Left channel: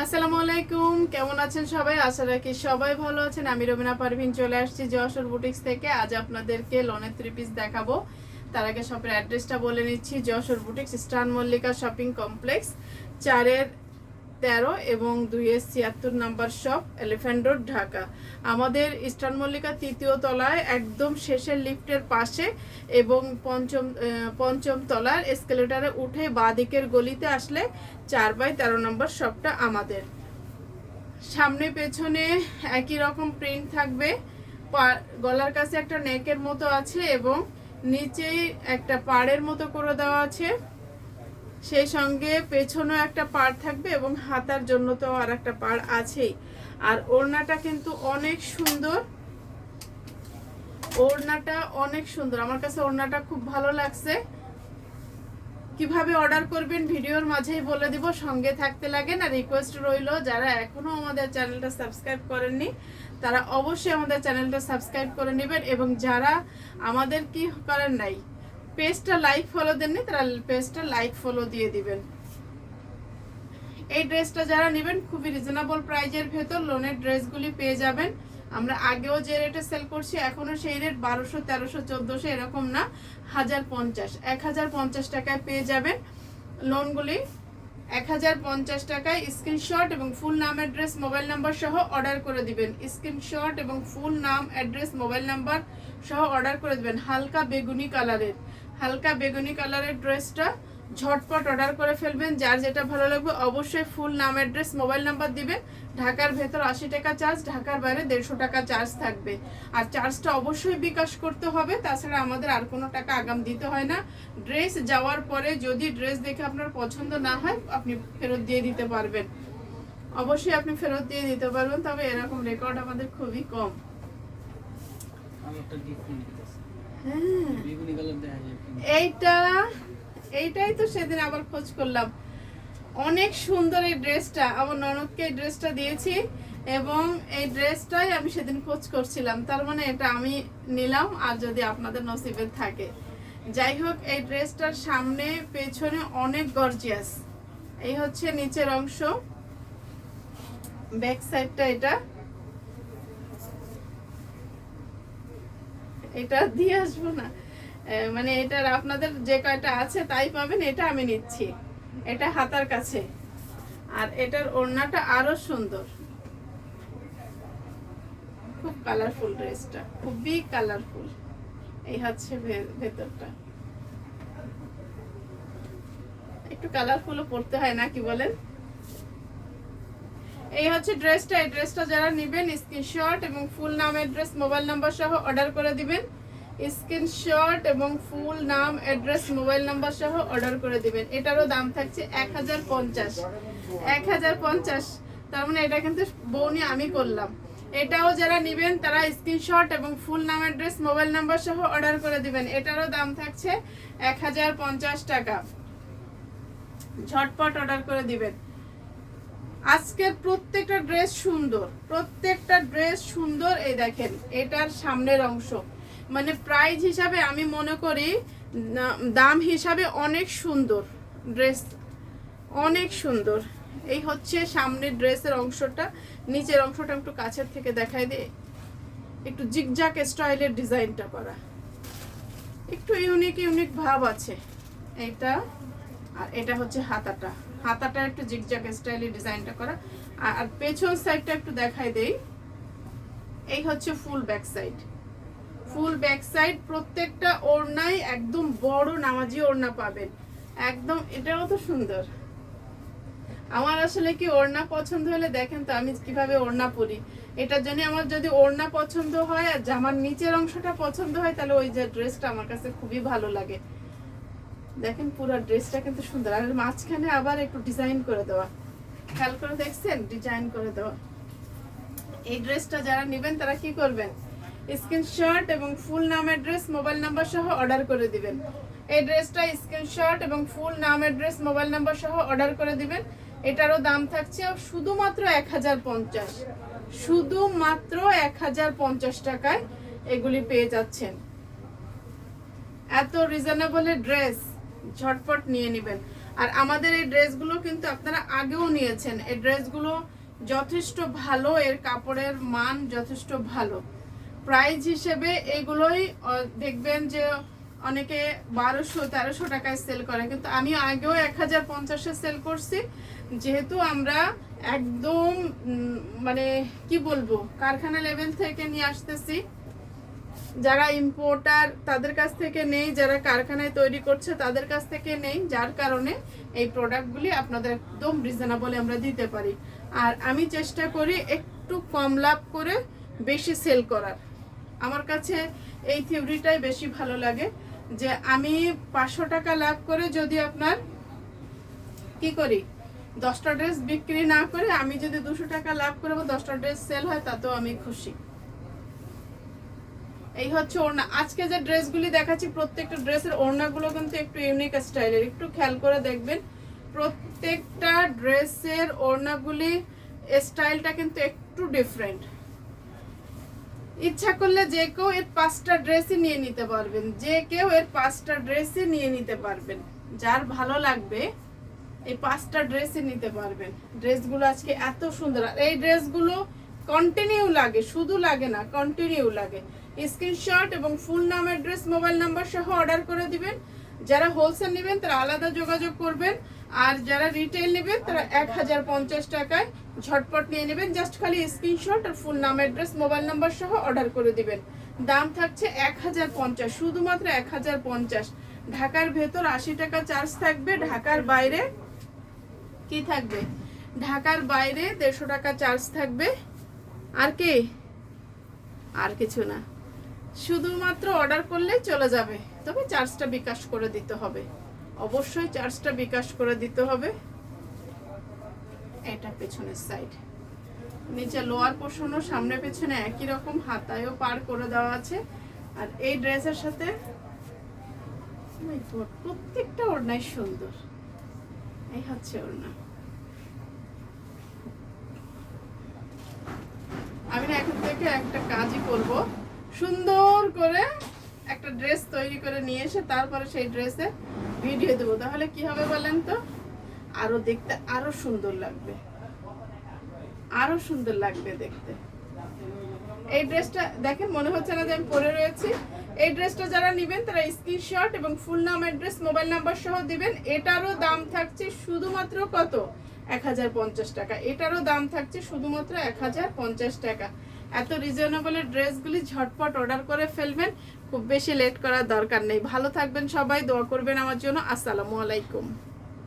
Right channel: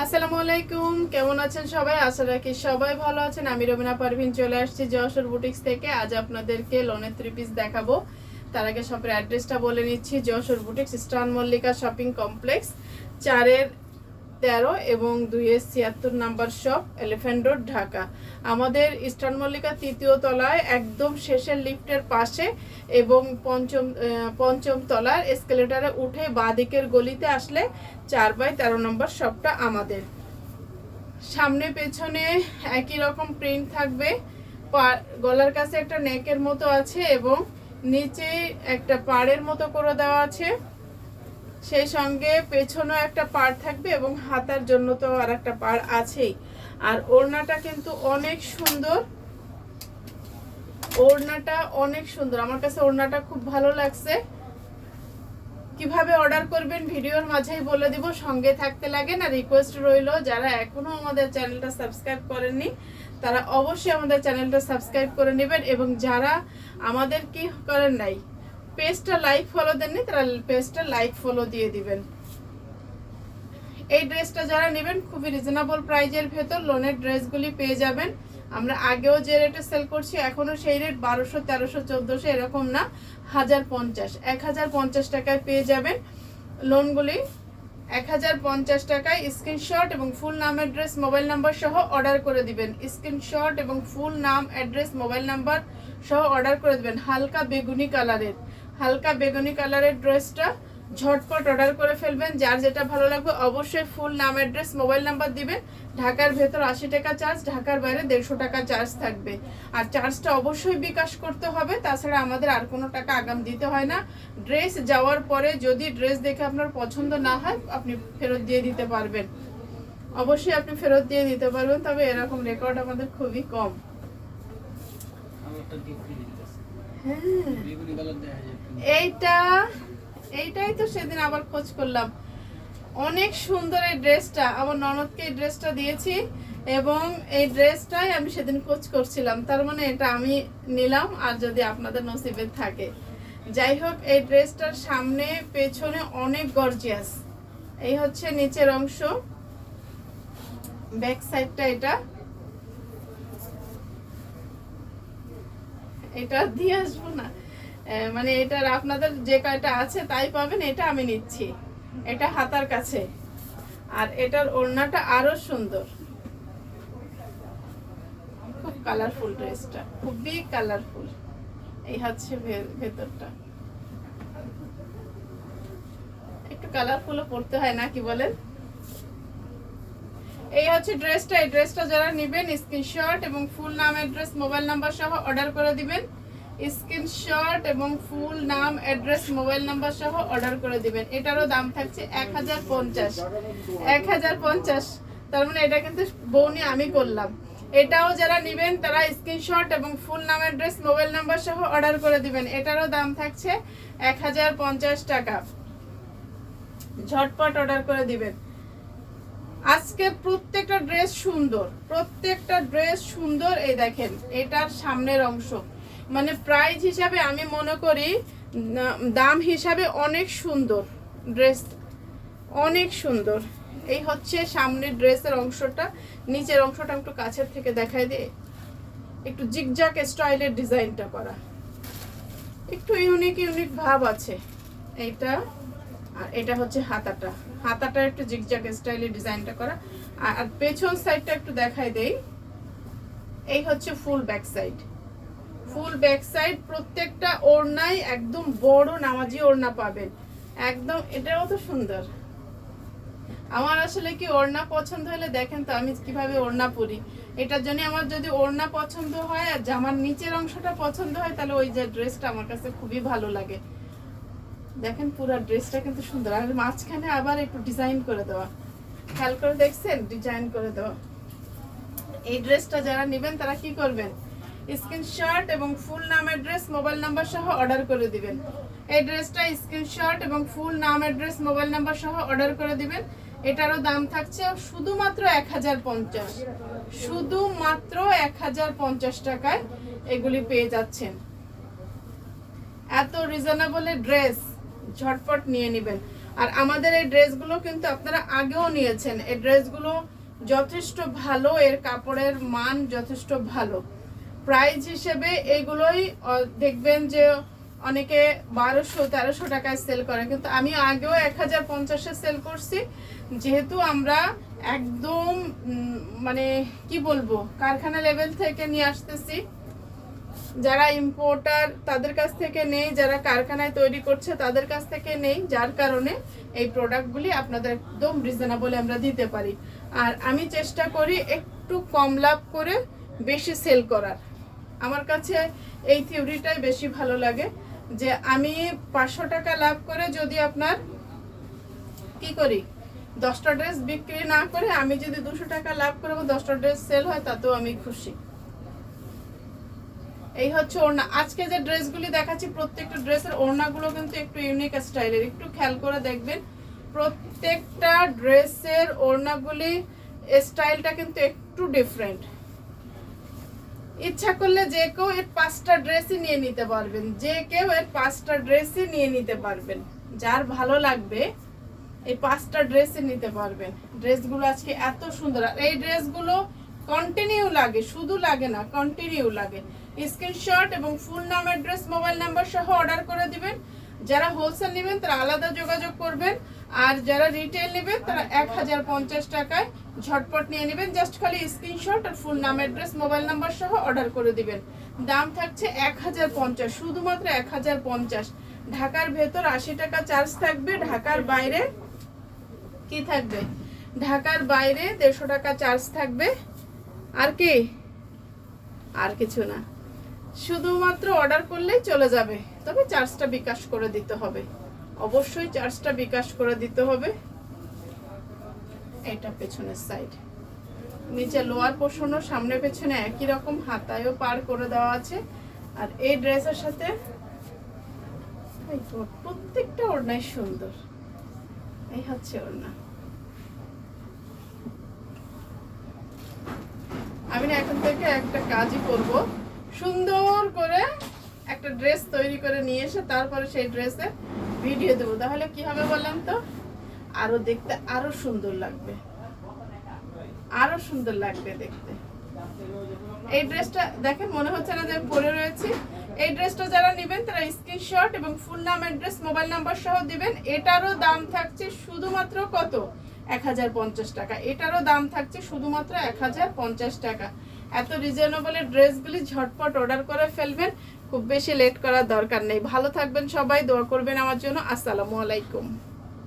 আসসালামু আলাইকুম, কেমন আছেন সবাই? আশা রাখি সবাই ভালো আছেন। আমি রবিনা পারভিন চলে আসছি যশোর বুটিক্স থেকে। আজ আপনাদেরকে লোনের থ্রি পিস দেখাবো। তার আগে শপের অ্যাড্রেসটা বলে নিচ্ছি। যশোর বুটিক্স স্টান মল্লিকা শপিং কমপ্লেক্স চারের তেরো এবং দুইয়ের ছিয়াত্তর number shop elephant road Dhaka. আমাদের ইস্টার্ন মল্লিকা তৃতীয় তলায় একদম শেষের লিফটের পাশে এবং পঞ্চম পঞ্চম তলার এসকেলেটারে উঠে বাঁদিকের গলিতে আসলে চার বাই তেরো নম্বর শপটা আমাদের। সামনে পেছনে একই রকম প্রিন্ট থাকবে। গলার কাছে একটা নেকের মতো আছে এবং নিচেই একটা পাড়ের মতো করে দেওয়া আছে। সেই সঙ্গে পেছনেও একটা পাড় থাকবে এবং হাতার জন্য তো আর একটা পাড় আছেই। আর ওড়নাটা কিন্তু অনেক সুন্দর। ওড়নাটা অনেক সুন্দর। আমার কাছে ওড়নাটা খুব ভালো লাগছে। কীভাবে অর্ডার করবেন ভিডিওর মাঝেই বলে দিব। সঙ্গে থাকতে লাগে না, রিকোয়েস্ট রইল। যারা এখনও আমাদের চ্যানেলটা সাবস্ক্রাইব করেননি, তারা অবশ্যই আমাদের চ্যানেলটা সাবস্ক্রাইব করে নেবেন। এবং যারা আমাদের কি করেন নাই পেজটা লাইক ফলো দেননি, তারা পেজটা লাইক ফলো দিয়ে দিবেন। এই ড্রেসটা যারা নেবেন, খুবই রিজনেবল প্রাইজের ভেতর লোনের ড্রেসগুলি পেয়ে যাবেন। আমরা আগেও যে রেটে সেল করছি, এখনও সেই রেট বারোশো, তেরোশো, চোদ্দোশো এরকম না, হাজার পঞ্চাশ। এক হাজার পঞ্চাশ টাকায় পেয়ে যাবেন লোনগুলি এক হাজার পঞ্চাশ টাকায় স্ক্রিনশট এবং ফুল নাম অ্যাড্রেস মোবাইল নাম্বার সহ অর্ডার করে দিবেন। স্ক্রিনশট এবং ফুল নাম অ্যাড্রেস মোবাইল নাম্বার সহ অর্ডার করে দিবেন, হালকা বেগুনি কালারের হালকা বেগুনি কালারের ড্রেসটা ঝটপট অর্ডার করে ফেলবেন। যার যেটা ভালো লাগবে অবশ্যই ফুল নাম অ্যাড্রেস মোবাইল নাম্বার দিবেন। ঢাকার ভেতর আশি টাকা চার্জ ঢাকার বাইরে দেড়শো টাকা চার্জ থাকবে। আর চার্জটা অবশ্যই বিকাশ করতে হবে তাছাড়া আমাদের আর কোনো টাকা আগাম দিতে হয় না। ড্রেস যাওয়ার পরে যদি ড্রেস দেখে আপনার পছন্দ না হয় আপনি ফেরত দিয়ে দিতে পারবেন। অবশ্যই আপনি ফেরত দিয়ে দিতে পারবেন তবে এরকম রেকর্ড আমাদের খুবই কম। হ্যাঁ। এইটা, এইটাই তো সেদিন আবার খোঁজ করলাম। অনেক সুন্দর এই ড্রেসটা, আমার ননদকে এই ড্রেসটা দিয়েছি এবং এই ড্রেসটাই আমি সেদিন খোঁজ করছিলাম। তার মানে এটা আমি নিলাম, আর যদি আপনাদের নসিবে থাকে। যাই হোক, এই ড্রেসটার সামনে, পেছনে অনেক গর্জিয়াস এই হচ্ছে নিচের অংশ। ব্যাক সাইডটা এটা। এটা দিয়ে আসব না। মানে এটার আপনাদের যে কয়টা আছে তাই পাবেন, এটা আমি নিচ্ছি। এটা হাতার কাছে। আর এটার ওড়নাটা আরও সুন্দর। খুব কালারফুল ড্রেসটা খুবই কালারফুল এই হচ্ছে ভেতরটা। একটু কালারফুলও পড়তে হয় না, কি বলেন? এই হচ্ছে ড্রেসটা এই ড্রেসটা যারা নেবেন স্ক্রিনশট এবং ফুল নাম অ্যাড্রেস মোবাইল নাম্বার সহ অর্ডার করে দিবেন। স্ক্রিনশট এবং ফুল নাম, অ্যাড্রেস, মোবাইল নাম্বার সহ অর্ডার করে দিবেন। এটারও দাম থাকছে এক হাজার পঞ্চাশ। এক হাজার পঞ্চাশ। তার মানে এটা কিন্তু বৌনি আমি করলাম। এটাও যারা নেবেন, তারা স্ক্রিনশট এবং ফুল নাম, অ্যাড্রেস, মোবাইল নাম্বার সহ অর্ডার করে দিবেন। এটারও দাম থাকছে এক হাজার পঞ্চাশ টাকা। ঝটপট অর্ডার করে দিবেন। আজকের প্রত্যেকটা ড্রেস সুন্দর। প্রত্যেকটা ড্রেস সুন্দর, এই দেখেন, এটার সামনের অংশ। মানে প্রাইস হিসাবে আমি মনে করি দাম হিসাবে অনেক সুন্দর ড্রেস অনেক সুন্দর। এই হচ্ছে সামনের ড্রেসের অংশটা। নিচের অংশটা একটু কাছের থেকে দেখাই দে। একটু জিগজাক স্টাইলের ডিজাইনটা করা। একটু ইউনিক ইউনিক ভাব আছে। এইটা আর এটা হচ্ছে হাতাটা। হাতাটা একটু জিগজাগ স্টাইলের ডিজাইনটা করা। আর পেছন সাইডটা একটু দেখাই দেই। এই হচ্ছে full back side full back side প্রত্যেকটা ওড়নাই একদম বড় নামাজি ওড়না পাবেন। একদম, এটাও তো সুন্দর। আমার আসলে কি ওড়না পছন্দ হলে দেখেন তো আমি কীভাবে ওড়না পরি। এটার জন্য আমার যদি ওড়না পছন্দ হয় আর জামার নিচের অংশটা পছন্দ হয়, তাহলে ওই যে ড্রেসটা আমার কাছে খুবই ভালো লাগে। দেখেন পুরো ড্রেসটা কিন্তু সুন্দর। আর মাঝখানে আবার একটু ডিজাইন করে দেওয়া। খেয়াল করে দেখছেন? ডিজাইন করে দেওয়া। এই ড্রেসটা যারা নেবেন তারা কি করবেন? স্ক্রিনশট এবং ফুল নাম অ্যাড্রেস, মোবাইল নাম্বার সহ অর্ডার করে দিবেন। এই ড্রেসটা স্ক্রিনশট এবং ফুল নাম অ্যাড্রেস, মোবাইল নাম্বার সহ অর্ডার করে দিবেন। এটারও দাম থাকছে শুধুমাত্র এক হাজার পঞ্চাশ। শুধুমাত্র এক হাজার পঞ্চাশ টাকায় এগুলি পেয়ে যাচ্ছেন। এত রিজনেবল ড্রেস ঝটপট নিয়ে নেবেন। আর আমাদের এই ড্রেসগুলো কিন্তু আপনারা আগেও নিয়েছেন। এই ড্রেসগুলো যথেষ্ট ভালো, এর কাপড়ের মান যথেষ্ট ভালো। প্রাইস হিসেবে এগুলোই দেখবেন যে অনেকে বারোশো, তেরোশো টাকায় সেল করে কিন্তু আমি আগেও এক হাজার পঞ্চাশে সেল করছি। যেহেতু আমরা একদম মানে কি বলব, কারখানা লেভেল থেকে নিয়ে আসতেছি। যারা ইম্পোর্টার তাদের কাছ থেকে নেই। যারা কারখানায় তৈরি করছে, তাদের কাছ থেকে নেই। যার কারণে এই প্রোডাক্টগুলি আপনাদের একদম রিজনেবলে আমরা দিতে পারি। আর আমি চেষ্টা করি একটু কম লাভ করে বেশি সেল করার। আমার কাছে এই থিওরিটাই বেশি ভালো লাগে যে আমি পাঁচশো টাকা লাভ করে যদি আপনার কি করি? দশটা ড্রেস বিক্রি না করে আমি যদি দুশো টাকা লাভ করে দশটা ড্রেস সেল হয়, তাতেও আমি খুশি। এই হচ্ছে ওড়না। আজকে যে ড্রেসগুলি দেখাচ্ছি, প্রত্যেকটা ড্রেসের ওড়নাগুলো কিন্তু একটু ইউনিক স্টাইলের। একটু খেয়াল করে দেখবেন, প্রত্যেকটা ড্রেসের ওড়নাগুলি স্টাইলটা কিন্তু একটু ডিফারেন্ট ইচ্ছা করলে যে কেউ এর পাঁচটা ড্রেসই নিয়ে নিতে পারবেন, যে কেউ এর পাঁচটা ড্রেসই নিয়ে নিতে পারবেন। যার ভালো লাগবে, এই পাঁচটা ড্রেসই নিতে পারবেন। ড্রেসগুলো আজকে এত সুন্দর, আর এই ড্রেসগুলো কন্টিনিউ লাগে, শুধু লাগে না কন্টিনিউ লাগে। স্ক্রিনশট এবং ফুল নাম অ্যাড্রেস মোবাইল নাম্বার সহ অর্ডার করে দিবেন। যারা হোলসেল নেবেন, তারা আলাদা যোগাযোগ করবেন। আর যারা রিটেল নেবেন তারা এক হাজার পঞ্চাশ টাকায় ঝটপট নিয়ে নেবেন। জাস্ট খালি স্ক্রিনশট আর ফুল নাম অ্যাড্রেস মোবাইল নাম্বার সহ অর্ডার করে দিবেন। দাম থাকছে এক হাজার পঞ্চাশ, শুধুমাত্র এক হাজার পঞ্চাশ। ঢাকার ভেতর আশি টাকা চার্জ থাকবে, ঢাকার বাইরে কি থাকবে? ঢাকার বাইরে দেড়শো টাকা চার্জ থাকবে। আর কি? আর কিছু না। শুধুমাত্র অর্ডার করলেই চলে যাবে। তবে চার্জটা বিকাশ করে দিতে হবে। অবশ্যই চার্জটা বিকাশ করে দিতে হবে। এটা পেছনের সাইড নিচে লোয়ার পোর্শনও সামনে পেছনে একই রকম হাতায়ও পার করে দেওয়া আছে। আর এই ড্রেসের সাথে প্রত্যেকটা ওড়নাই সুন্দর। এই হচ্ছে ওড়না। আমি এখন থেকে একটা কাজই করব। সুন্দর করে একটা ড্রেস তৈরি করে নিয়ে এসে তারপরে সেই ড্রেসে ভিডিও দেবো। তাহলে কি হবে বলেন তো? আরও দেখতে আরও সুন্দর লাগবে। আরও সুন্দর লাগবে দেখতে। এই ড্রেসটা দেখেন, মনে হচ্ছে না যে আমি পরে রয়েছি। এই ড্রেসটা যারা নেবেন, তারা স্ক্রিনশট এবং ফুল নাম অ্যাড্রেস মোবাইল নাম্বার সহ দিবেন। এটারও দাম থাকছে শুধুমাত্র কত? এক হাজার পঞ্চাশ টাকা। এটারও দাম থাকছে শুধুমাত্র এক হাজার পঞ্চাশ টাকা। এত রিজনেবলের ড্রেসগুলি ঝটপট অর্ডার করে ফেলবেন। খুব বেশি লেট করার দরকার নেই। ভালো থাকবেন সবাই, দোয়া করবেন আমার জন্য। আসসালামু আলাইকুম।